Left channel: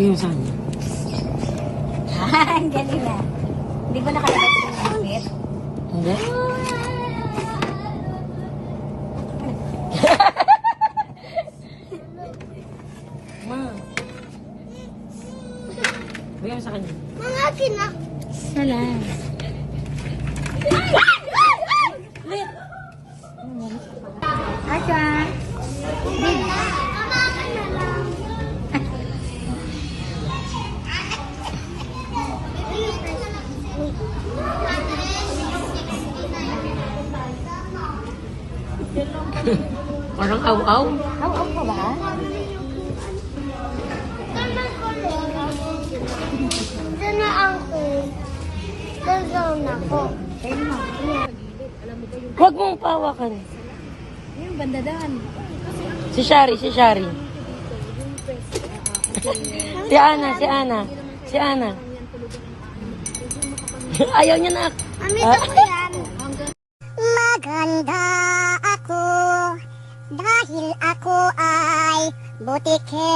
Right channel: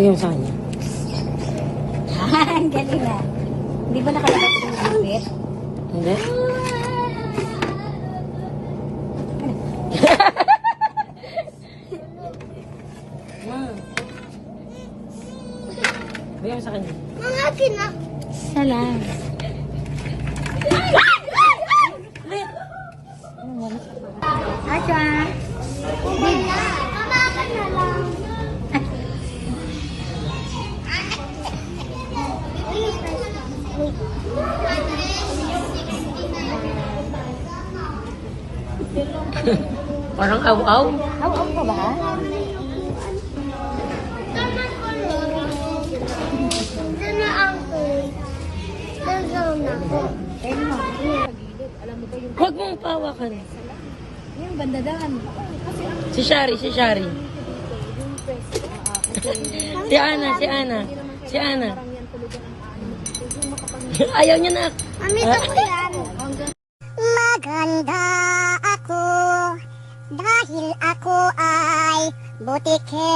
Bigyan mo sa kanya. Ang galing na. Hindi ba nakalakit yung malapit? Hindi? Wow. Bigyan mo sa kanya. Mga kina. Salamat. Asa? Kamakan na lang. Parang aw-aw. Aw-aw ka ba? Huwag mo ipawa ka rin. Yung bandadahan. Si Shari. Si Ana. Ayaw niya na. Amito ko yan. Maganda ako dahil ako ay butike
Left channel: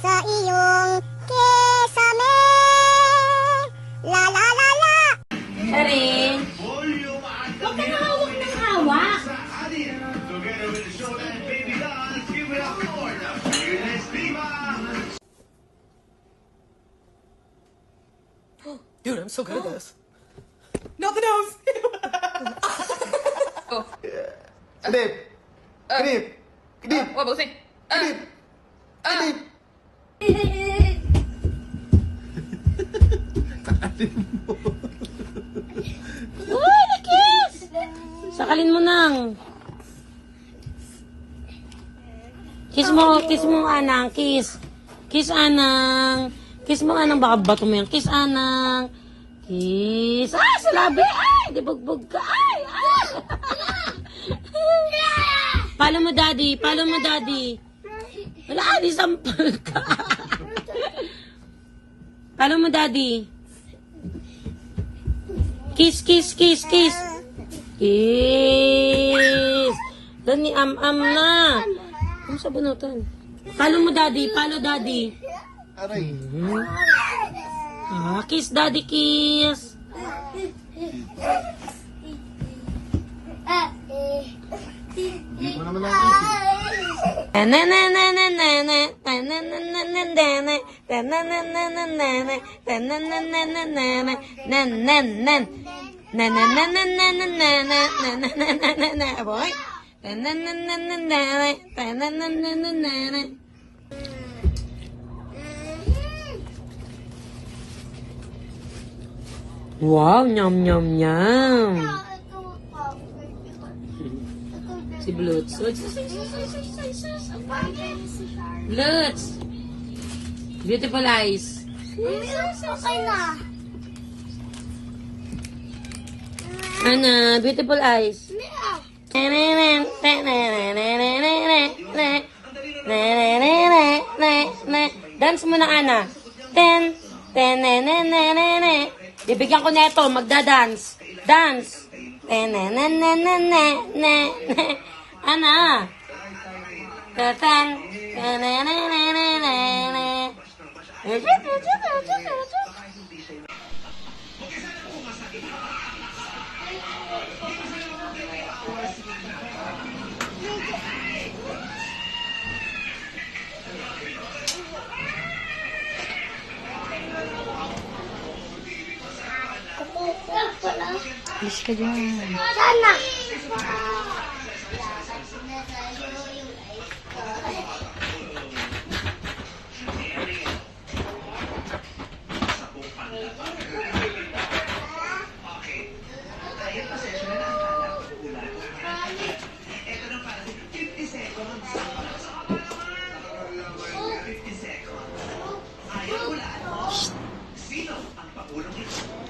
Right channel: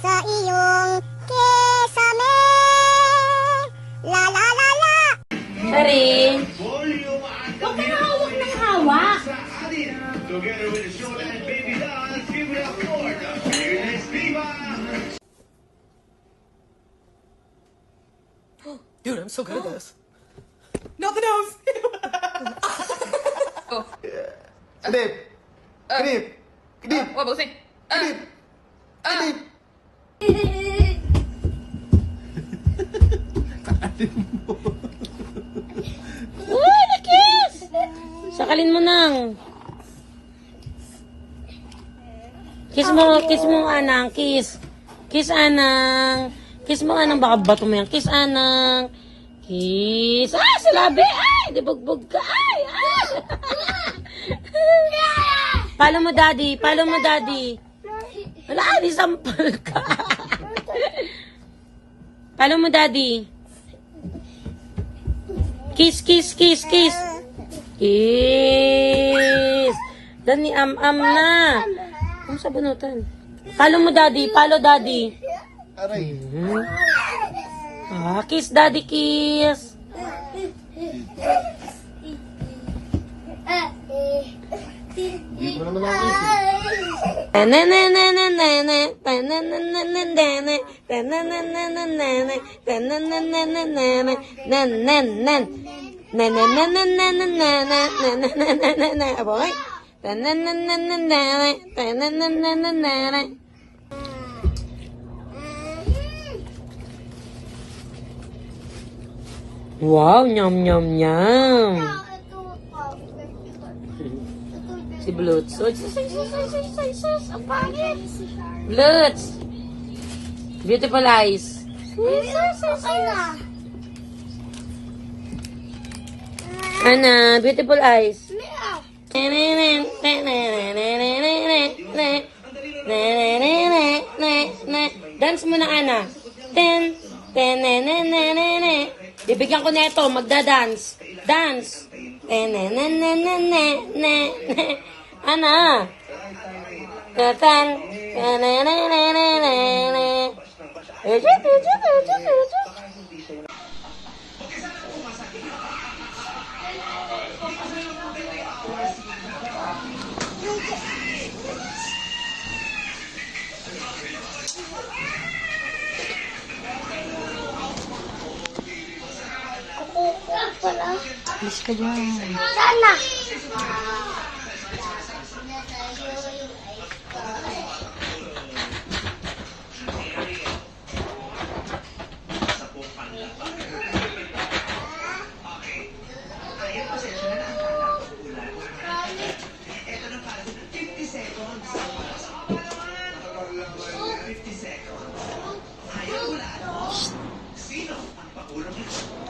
sa iyong kesame. La la la la. Shari. Huwag ka na hawak ng hawak. Dude, I'm so good at this. Nothing else. Oh. Kadip. Kadip. Kadip. What about it? Kadip. Kadip. Uy, na-kiss! Sakalin mo nang. Kiss mo Anang, kiss. Kiss Anang. Kiss mo Anang, baka bato mo yan. Kiss Anang. Kiss. Ah, sa labi. Ay, di bugbog ka. Ay, ay. Palo mo daddy. Wala, di sampal ka. Palo mo daddy. Kiss. Kiss. Dani, am na. Ano sa bunutan? Palo mo daddy. Aray. Ah, kiss daddy, kiss. Hindi mo naman ako isip. Wow, nyam. Si Blutz. Blutz. Beautiful eyes. Ana, beautiful eyes. Dance muna, Ana. Bibigyan ko na ito, magda-dance. Dance. Ana. Bilis ka dyan. Sana.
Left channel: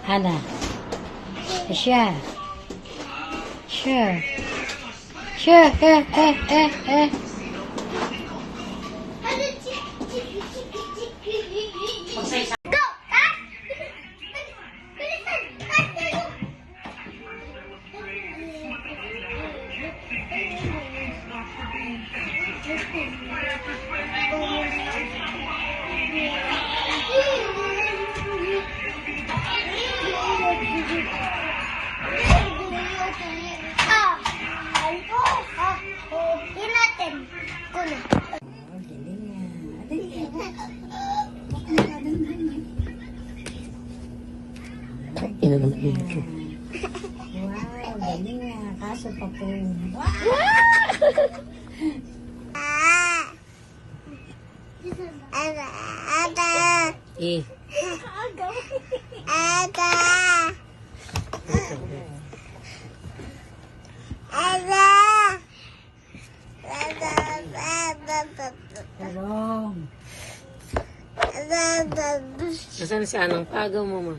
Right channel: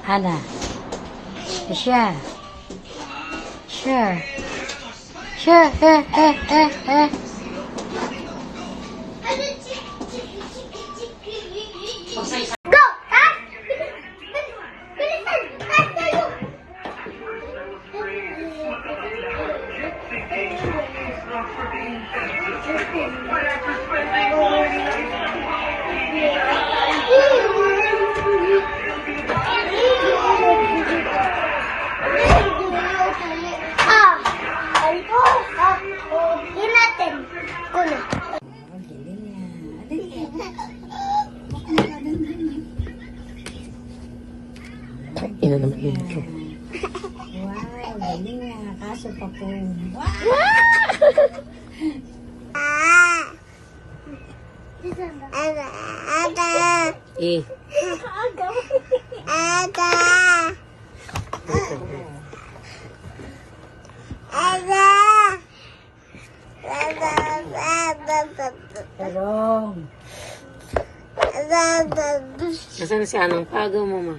Hana. Siya. Go! Ah! Wow, galing nga. Kaso pa po. Eh. Tarong. Nasaan si Anang? Pagaw mo, ma.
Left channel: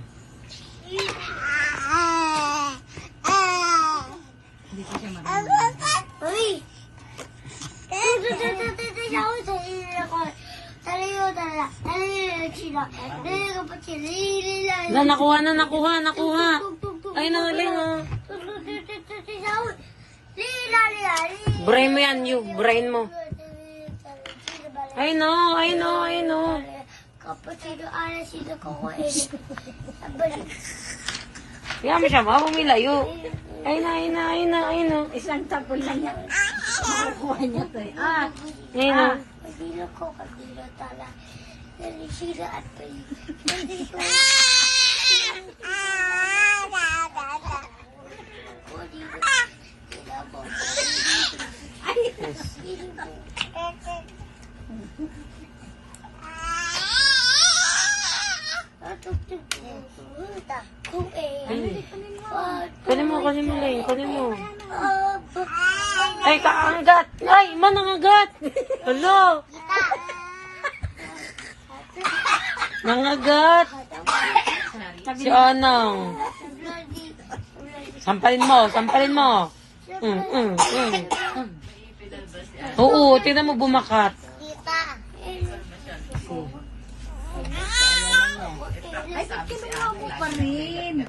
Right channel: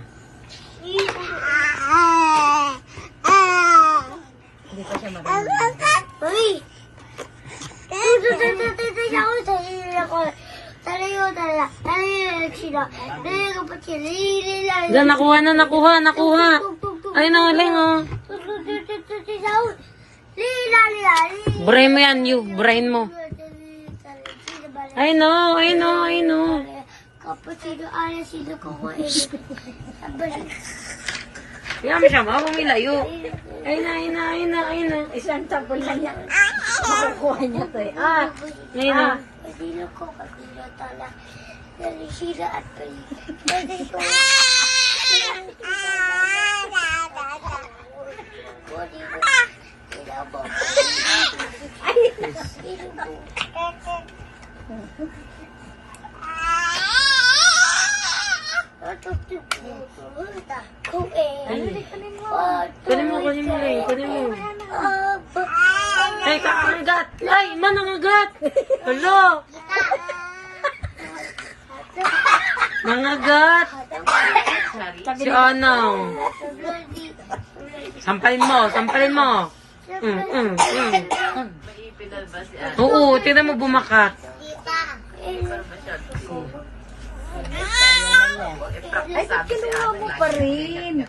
Hindi pa siya marunong. Uy! Wala, nakuha na, nakuha. Ay, nangaling, oh. Brain mo yan, you brain mo. I know. Kapatid, ano sino ko ko Kaya mo siya, bumilayo. Ay na. Isang tapon lang yan. Makukuha niya to eh. Ay na. Sino ko kapila tala. Sino at pwede ko. Kunin mo. Ay, kaangat. Ay, manangagat. Hello. Nangagat. Si Anang. Sampalin mo. Oo, tingnan mo bumakat. Ay, ba't kinuha mo pa rin?